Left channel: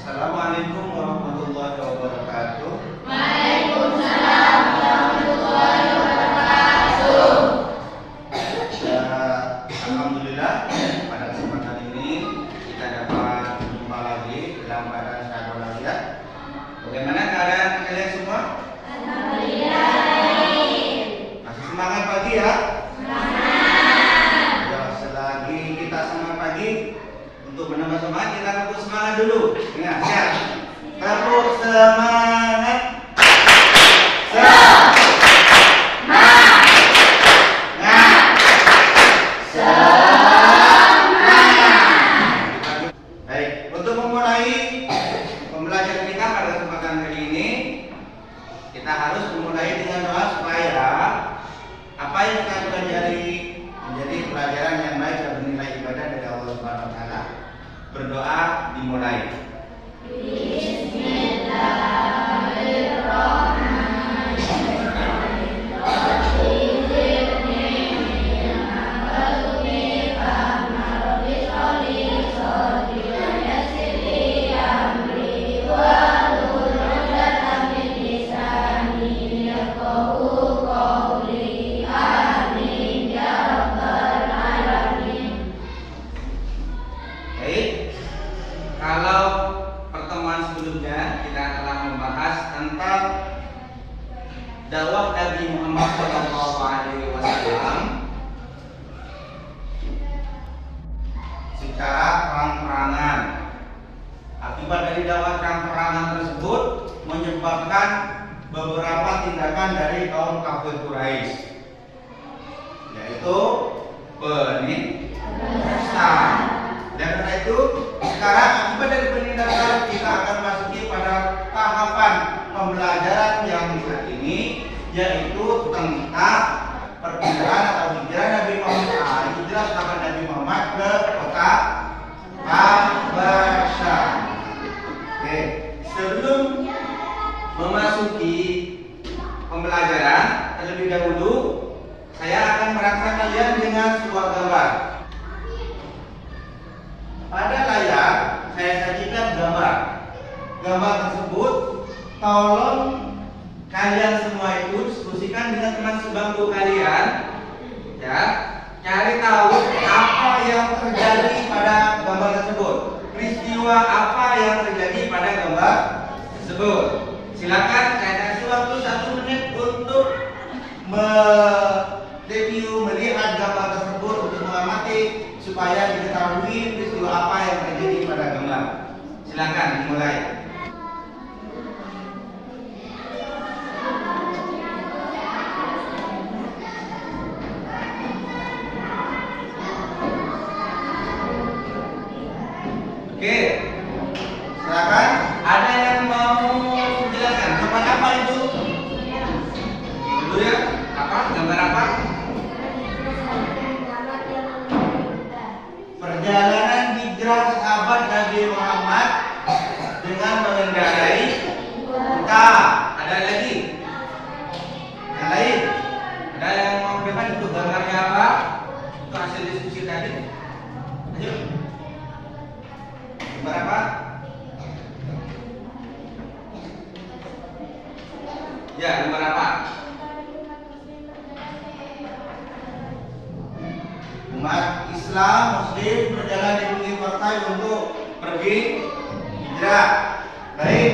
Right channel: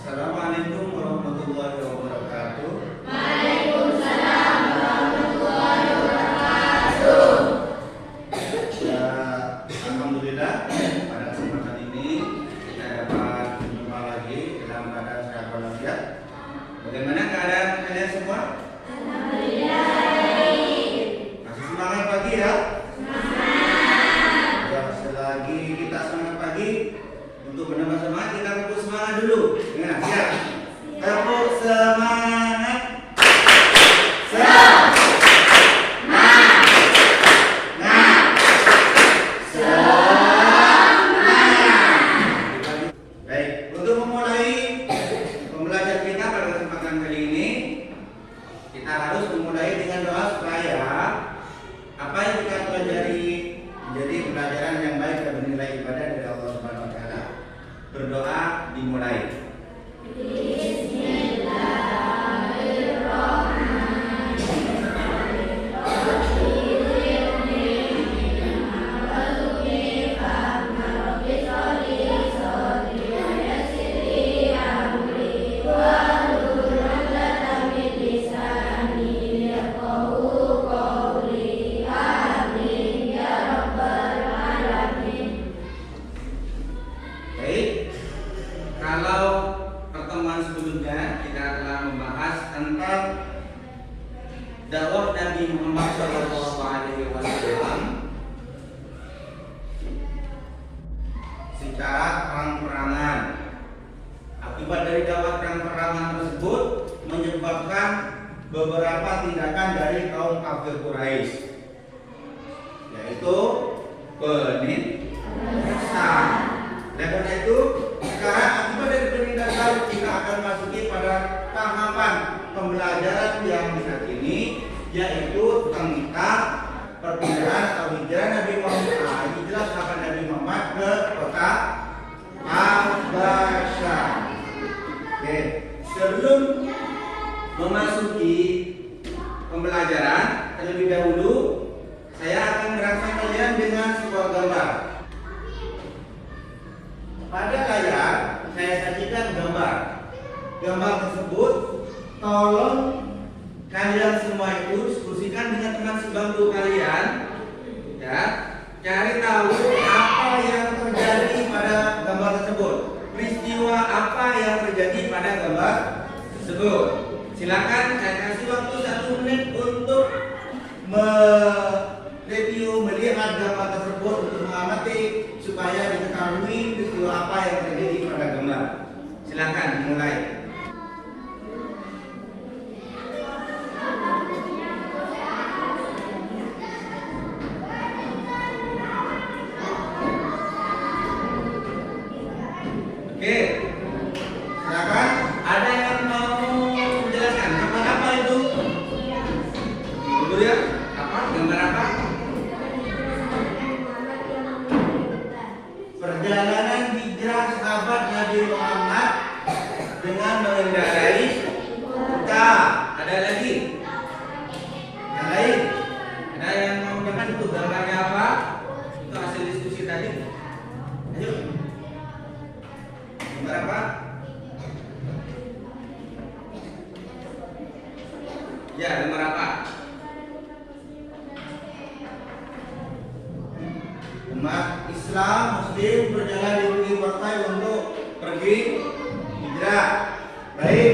Assalamualaikum warahmatullahi wabarakatuh. Waalaikumsalam warahmatullahi wabarakatuh. Alhamdulillah pada kesempatan ini kita dapat berjumpa lagi dalam keadaan sehat walafiat. Bagaimana keadaan kalian semua? Masih semangat pagi ya? Semangat. Selagi kita semangat pagi, untuk menambah semangat kita tepuk semangat dulu. Ingat, siap. Tepuk semangat. Baik, untuk memulai pembelajaran kita pada kesempatan kali ini, kita harus memulai dengan doa supaya apa yang kita pelajari menjadi pelajaran yang baik dan bernilai ibadah dari Allah Subhanahu wa taala. Berdoa dimulai. Baik, kalau pertemuan sebelumnya kita telah membahas tentang dakwah Nabi Muhammad SAW secara terang-terangan. Akibat dari dakwah terang-terangan tersebut menyebabkan beberapa tindakan dari kaum kafir Quraisy, yaitu penistaan. Dan karena itu sekarang akibat dari penindakan kita akan masuki pada tahapan pembelajaran yang saat ini, yaitu tentang perpindahan atau hijrah Nabi Muhammad, hijrah sahabat Nabi Muhammad ke kota Habasyah. Oke, sebelum memasuki pembelajaran terlebih dahulu, saya akan merangsang kalian dengan sebuah gambar. Pada layar saya sajikan gambar. Gambar tersebut tolong kalian semua itu diskusikan dengan teman sebangku kalian, ya, cari tahu apa yang terjadi pada gambar tersebut, peristiwa apa yang terjadi pada gambar tersebut. Silakan saya kasih waktu 1 menit untuk mereview, melihat gambar tersebut, untuk mengamati supaya diketahui peristiwa apa yang terjadi pada gambar. Silakan dimulai. Oke, silakan. Ada yang mau menjelaskan gambar apa itu? Dulu ya, apa? Gambar apa? Perjalanan hijrah sahabat Nabi Muhammad dengan mengendarai unta. Ada lagi? Yang lain? Ada yang mau depan itu gambarnya apa? Itu hasil diskusi tadi. Ayo. Gambar apa? Ya, gambar apa? Umat Islam Muslim berjalan di pinggir pantai untuk pergi hijrah. Baik,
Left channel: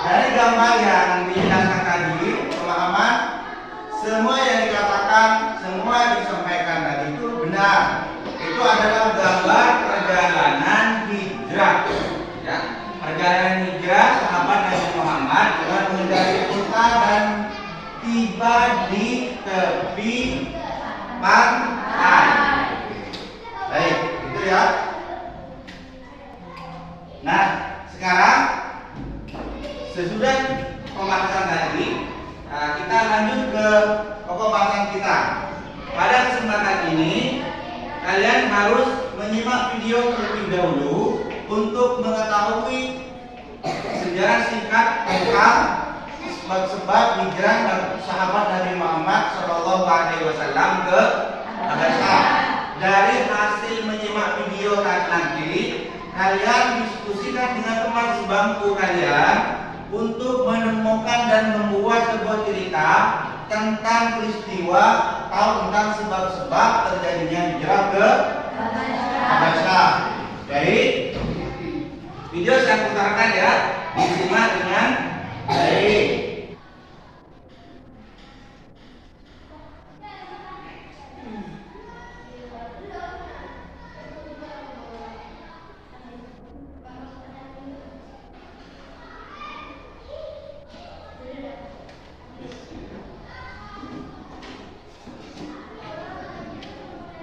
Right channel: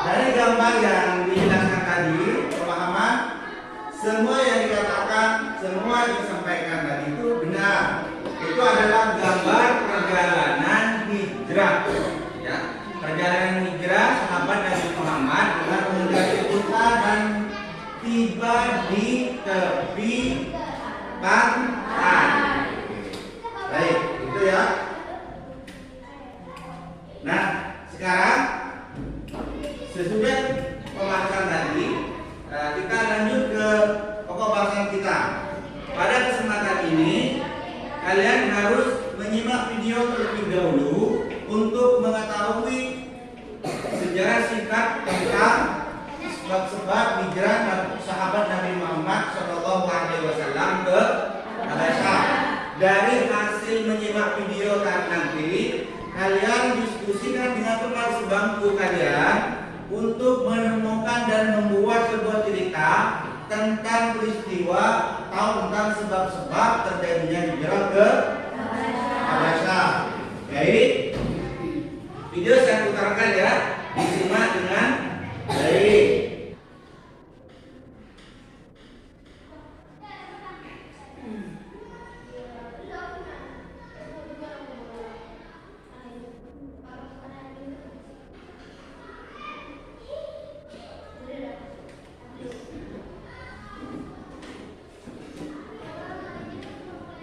dari gambar yang dijelaskan tadi, pemahaman semua yang dikatakan, semua yang disampaikan tadi itu benar. Itu adalah gambar perjalanan hijrah, ya, perjalanan hijrah sahabat Nabi Muhammad dengan mengendarai unta dan tiba di tepi pantai. Baik, itu ya. Nah, sekarang sesudah pembahasan tadi, kita lanjut ke pokok bahasan kita. Pada kesempatan ini, kalian harus menyimak video terlebih dahulu untuk mengetahui sejarah singkat tentang sebab-sebab hijrah sahabat Nabi Muhammad SAW ke Habasyah. Dari hasil menyimak video nanti, kalian diskusikan dengan teman sebangku kalian untuk menemukan dan membuat sebuah cerita tentang peristiwa atau tentang sebab-sebab terjadinya hijrah ke Habasyah. Baik, video saya putarkan ya, disimak dengan baik.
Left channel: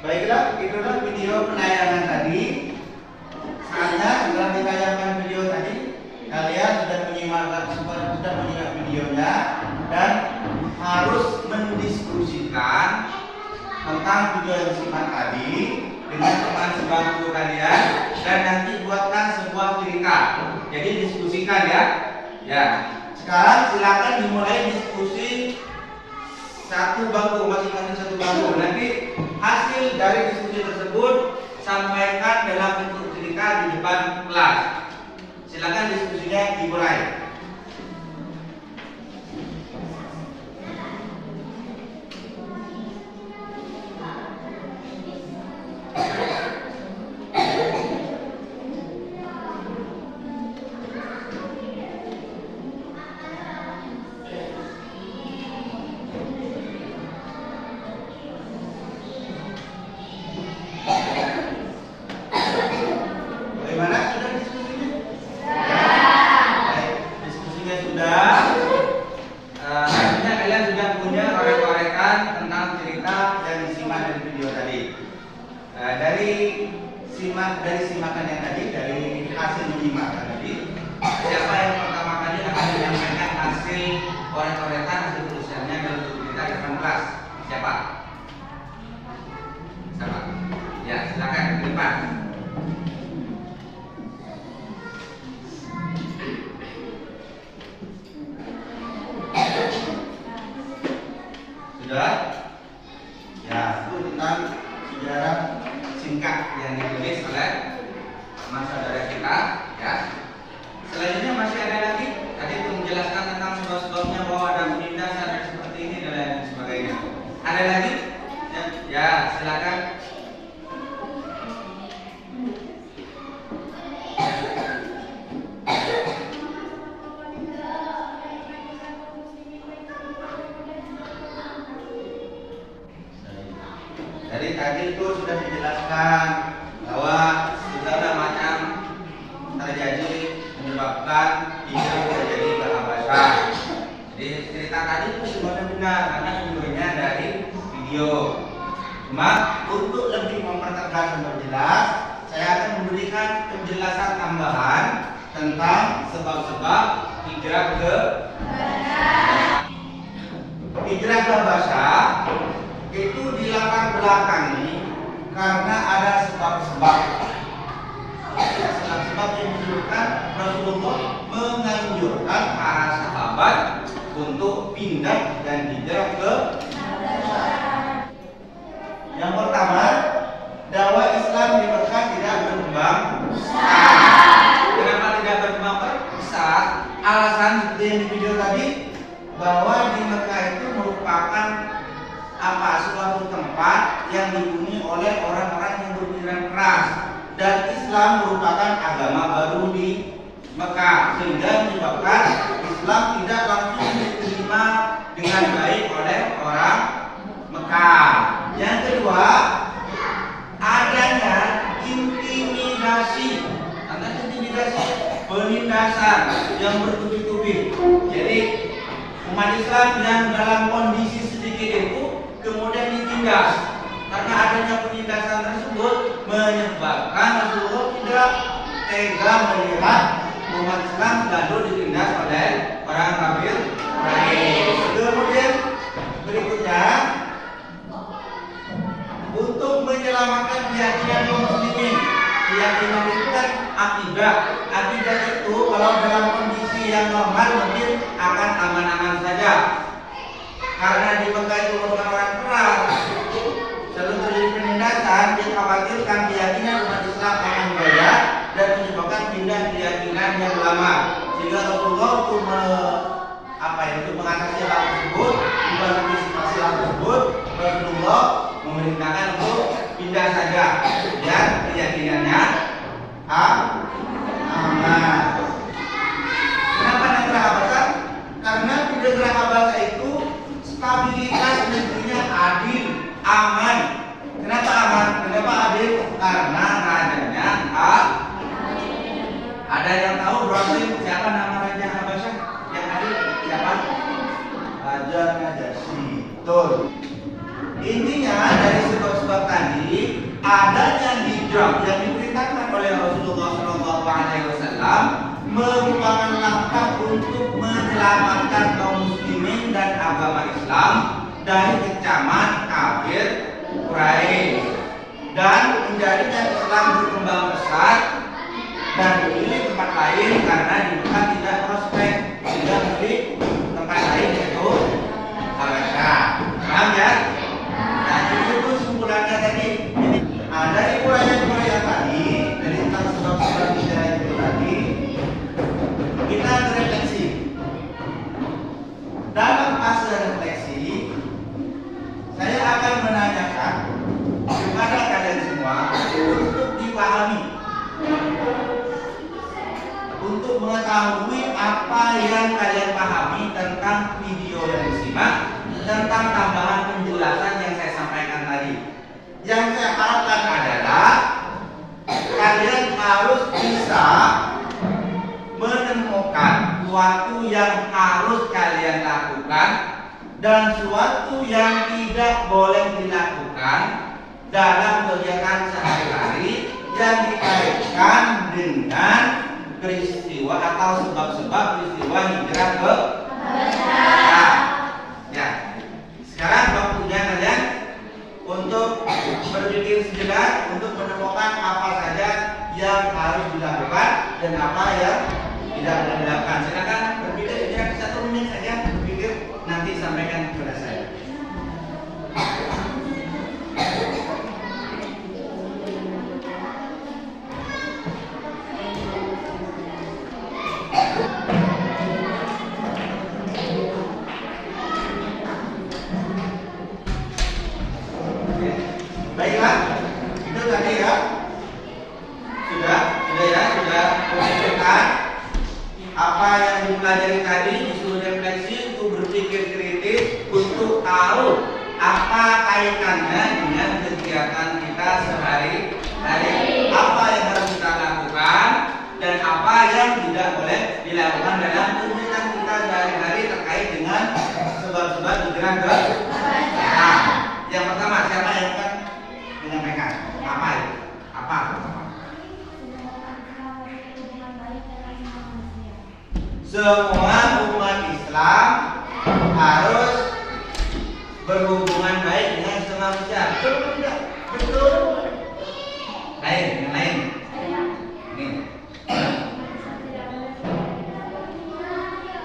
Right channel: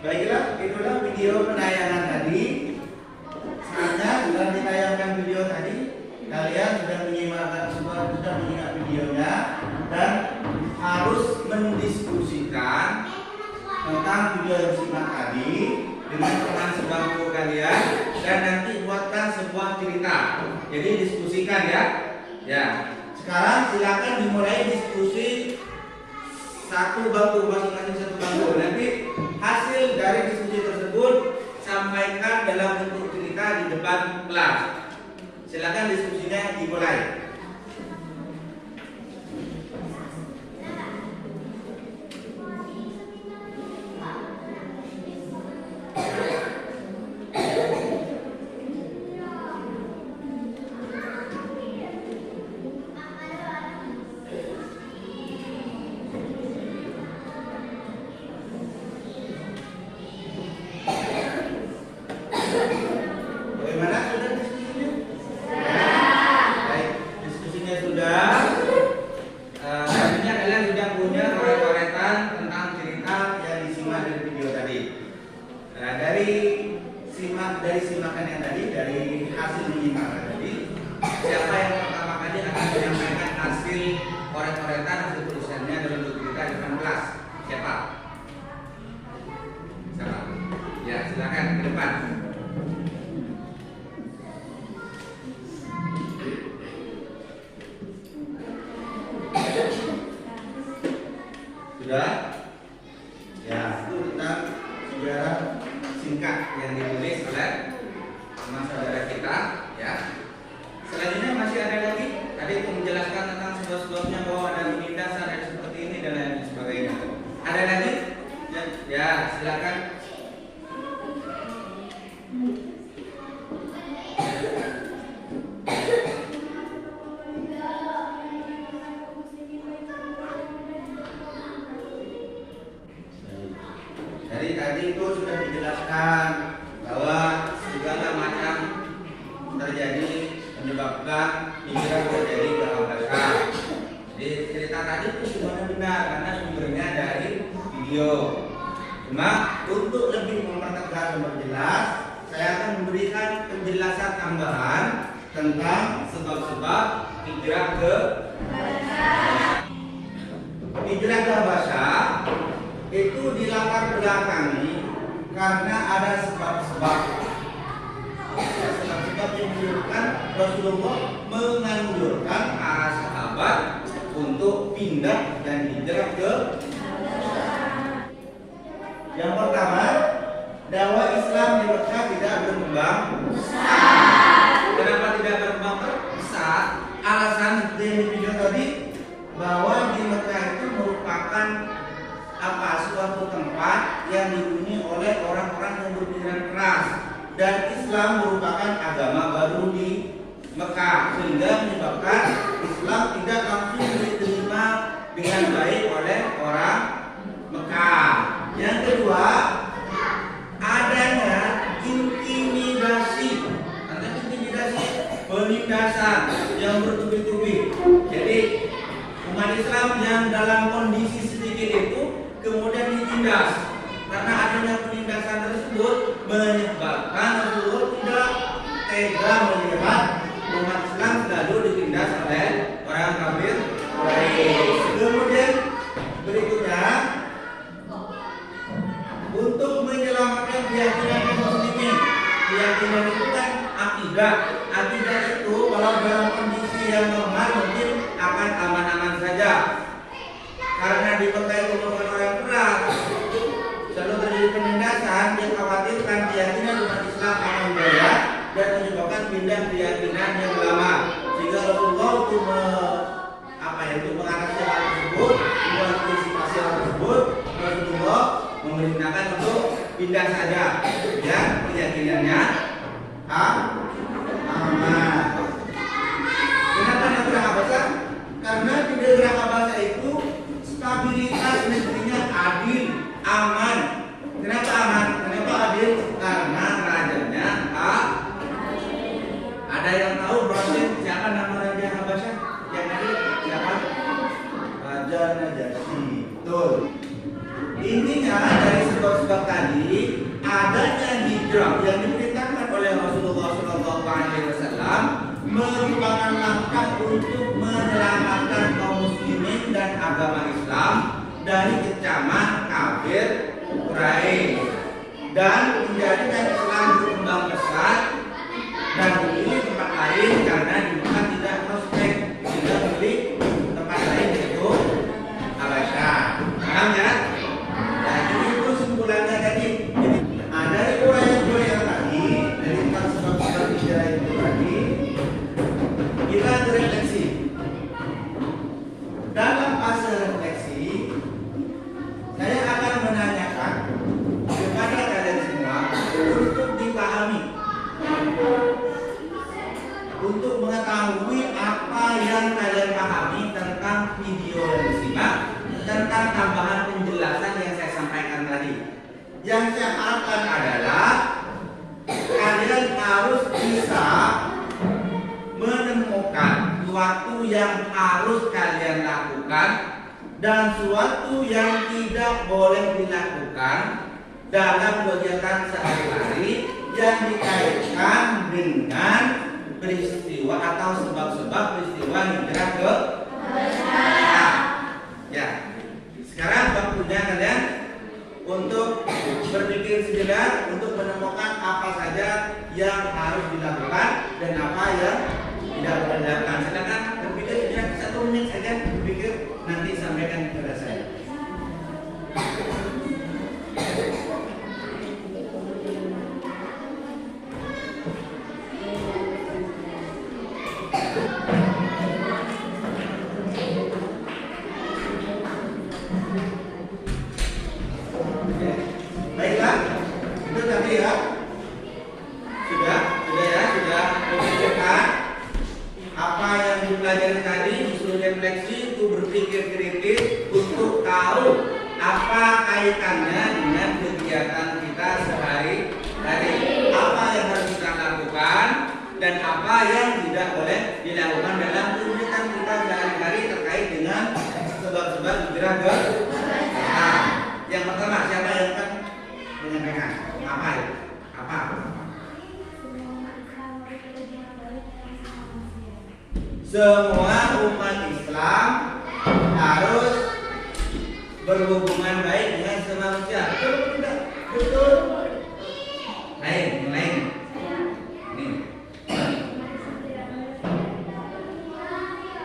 Baiklah, itulah video penayangan tadi. Saatnya setelah ditayangkan video tadi, kalian sudah menyimak videonya dan harus mendiskusikan tentang video yang disimak tadi dengan teman sebangku kalian dan nanti buatkan sebuah cerita. Jadi diskusikan ya. Ya. Sekarang silakan dimulai diskusi satu bangku, masing-masing satu bangku. Nanti hasil dari diskusi tersebut sampaikan dalam bentuk cerita di depan kelas. Silakan diskusinya dimulai. Bagaimana, sudah diskusinya? Baik, diskusinya sudah. Artinya kalian sudah punya korek-korekan tentang cerita yang disimak dari video tadi. Dari simakan yang tadi, dari hasil menyimak tadi, siapa yang pertama kali akan menyampaikan hasil korek-korekan, hasil tulisannya dalam cerita di depan kelas? Siapa? Siapa? Ya, silakan ke depan. Sudah? Ya, itu tentang sejarah singkat yang ditulis oleh teman saudara kita, ya. Selanjutnya masih ada lagi. Tadi itu menjelaskan tentang sebab-sebabnya bahwa ada penindasan dan seperti ini dan lain sebagainya. Ada lagi? Ya, silakan. Dari tadi itu sudah dijelaskan bahwa segala macam terjadi menyebabkan hijrah terjadi ke Habasyah. Jadi cerita tadi itu sebenarnya benar karena sumbernya dari video. Cuma untuk lebih mempertegas dan memperjelas, saya akan memberikan penjelasan tambahan tentang sebab-sebab hijrah ke Habasyah. Hijrah ke Habasyah itu dilatar belakangi karena ada sebab-sebab yang menunjukkan Rasulullah menganjurkan para sahabat untuk pindah dan hijrah ke Habasyah. Yang pertama, dakwah Islam di Mekah tidak berkembang pesat. Kenapa tidak berkembang pesat? Alasan seperti yang di video tadi, bahwa di Mekah itu merupakan suatu tempat yang dihuni oleh orang-orang yang berpikiran keras, dan Islam merupakan agama baru di Mekah, sehingga menyebabkan Islam tidak langsung diterima dengan baik oleh orang Mekah. Yang kedua, adanya intimidasi, penindasan yang bertubi-tubi. Jadi umat Islam yang dalam kondisi sedikit itu kemudian ditindas. Karena adanya penindasan tersebut menyebabkan Rasulullah tidak tega melihat umat Islam selalu ditindas oleh orang kafir Quraisy. Kemudian berikutnya, untuk menyelamatkan keyakinan kaum muslimin. Keyakinan itu kan akidah. Akidah itu kalau dalam kondisi yang normal mungkin akan aman-aman saja. Karena di Mekah itu merupakan orang keras, selalu terjadi penindasan, dia khawatirkan keyakinan umat Islam akan jaya dan Sehingga Rasulullah untuk untuk mengatasi hal tersebut, untuk antisipasi hal tersebut, Rasulullah memerintahkan untuk pindah saja biar keyakinannya aman. Kenapa negara Habasah? Karena di negara Habasah itu stabilitas negerinya adil, aman. Kenapa aman? Kenapa adil? Karena rajanya ada yang tahu siapa nama raja Habasah yang adil? Siapa? Raja Najasyi. Betul. Intinya dari sebab-sebab tadi adanya hijrah yang diperintahkan oleh Rasulullah SAW merupakan langkah untuk menyelamatkan kaum muslimin dan agama Islam dari kecaman kafir Quraisy dan menjadikan Islam berkembang pesat dan memilih tempat lain karena di tempat tidak prospek, tidak memilih tempat lain yaitu Habasah. Paham ya? Jadi itu simpulannya tadi. Ada riwayat-riwayat tadi dari tentang sebab-sebab hijrah itu tadi. Kita refleksi. Dalam fase refleksi, saya akan menanyakan kepada kalian semua untuk dipahami, untuk mengetahui apa yang kalian pahami tentang video yang disimak, tentang tambahan penjelasan yang saya sampaikan tadi. Yang saya harapkan adalah kalian harus bisa menemukan suatu yang harus kalian lakukan dan suatu yang tidak boleh dilakukan dalam kegiatan sehari-hari yang dikaitkan dengan peristiwa atau sebab-sebab peristiwa hijrah ke Habasah. Ya. Sekarang waktunya kalian untuk berpikir sejenak untuk menemukan apa saja yang harus dilakukan dan apa yang tidak boleh dilakukan. Silakan berpikir sejenak 1 menit saja berpikir, nanti sampaikan kepada saya. Baiklah, itu tadi ya. Sudah memikirkan apa yang dipelajari tadi, disuruh refleksi untuk berpikir kritis untuk tahu apa kaitannya dengan kegiatan kita sehari-hari, apa yang harus kita lakukan dan apa yang tidak boleh dilakukan dalam kegiatan kita sehari-hari terkait dengan sebab-sebab hijrah ke Habasah. Yang pertama, siapa yang akan menyampaikan? Apa itu? Apa? Semua umat Islam harus berhubungan baik dengan sesama manusia. Betul atau tidak? Betul. Lain, yang lain. Ini.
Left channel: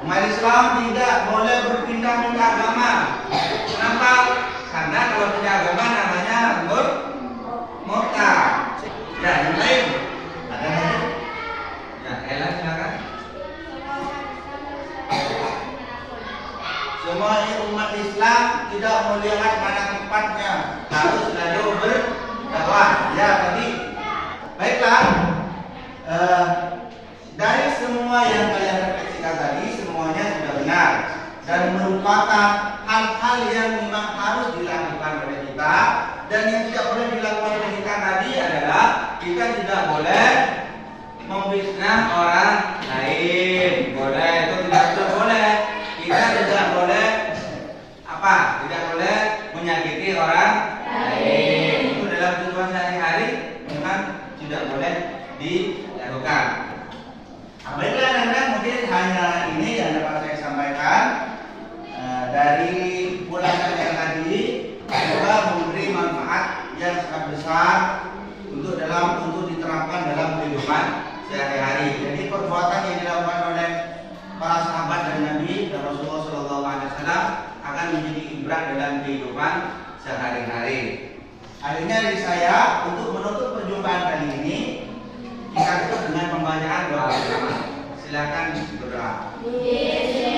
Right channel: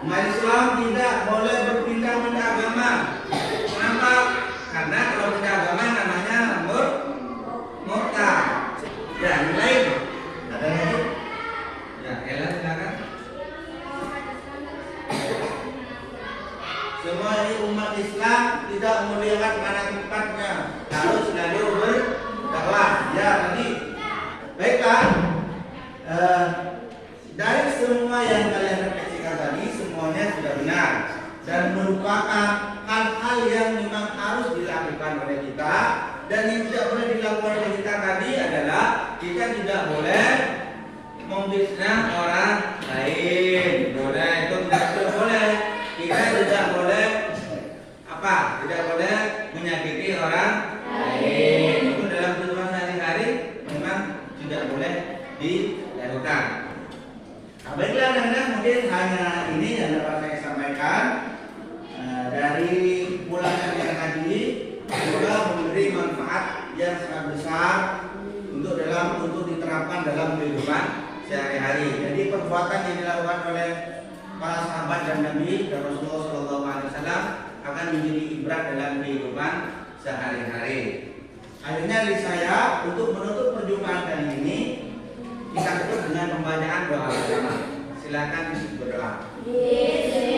Umat Islam tidak boleh berpindah-pindah agama. Kenapa? Karena kalau pindah agama namanya murtad. Ya, yang lain. Ada lagi? Ya, Ella silakan. Semua umat Islam tidak melihat pada tempatnya, harus selalu berdakwah. Ya, tadi. Baiklah. Dari semua yang kalian refleksikan tadi, semuanya sudah benar dan merupakan hal-hal yang memang harus dilakukan oleh kita. Dan yang tidak boleh dilakukan oleh kita tadi adalah kita tidak boleh memfitnah orang lain. Boleh, itu tidak boleh. Kita tidak boleh tidak boleh menyakiti orang lain. Itu dalam kehidupan sehari-hari memang tidak boleh dilakukan. Baiklah, Nanda, mungkin hanya ini yang dapat saya sampaikan dari bulanan yang tadi. Semoga memberi manfaat yang sangat besar untuk diterapkan dalam kehidupan sehari-hari. Jadi perbuatan yang dilakukan oleh para sahabat dan Nabi dan Rasulullah SAW akan menjadi ibrah dalam kehidupan sehari-hari. Akhirnya dari saya untuk menutup perjumpaan kali ini, kita tutup dengan pembacaan doa bersama. Silakan berdoa. Bismillahirrahmanirrahim.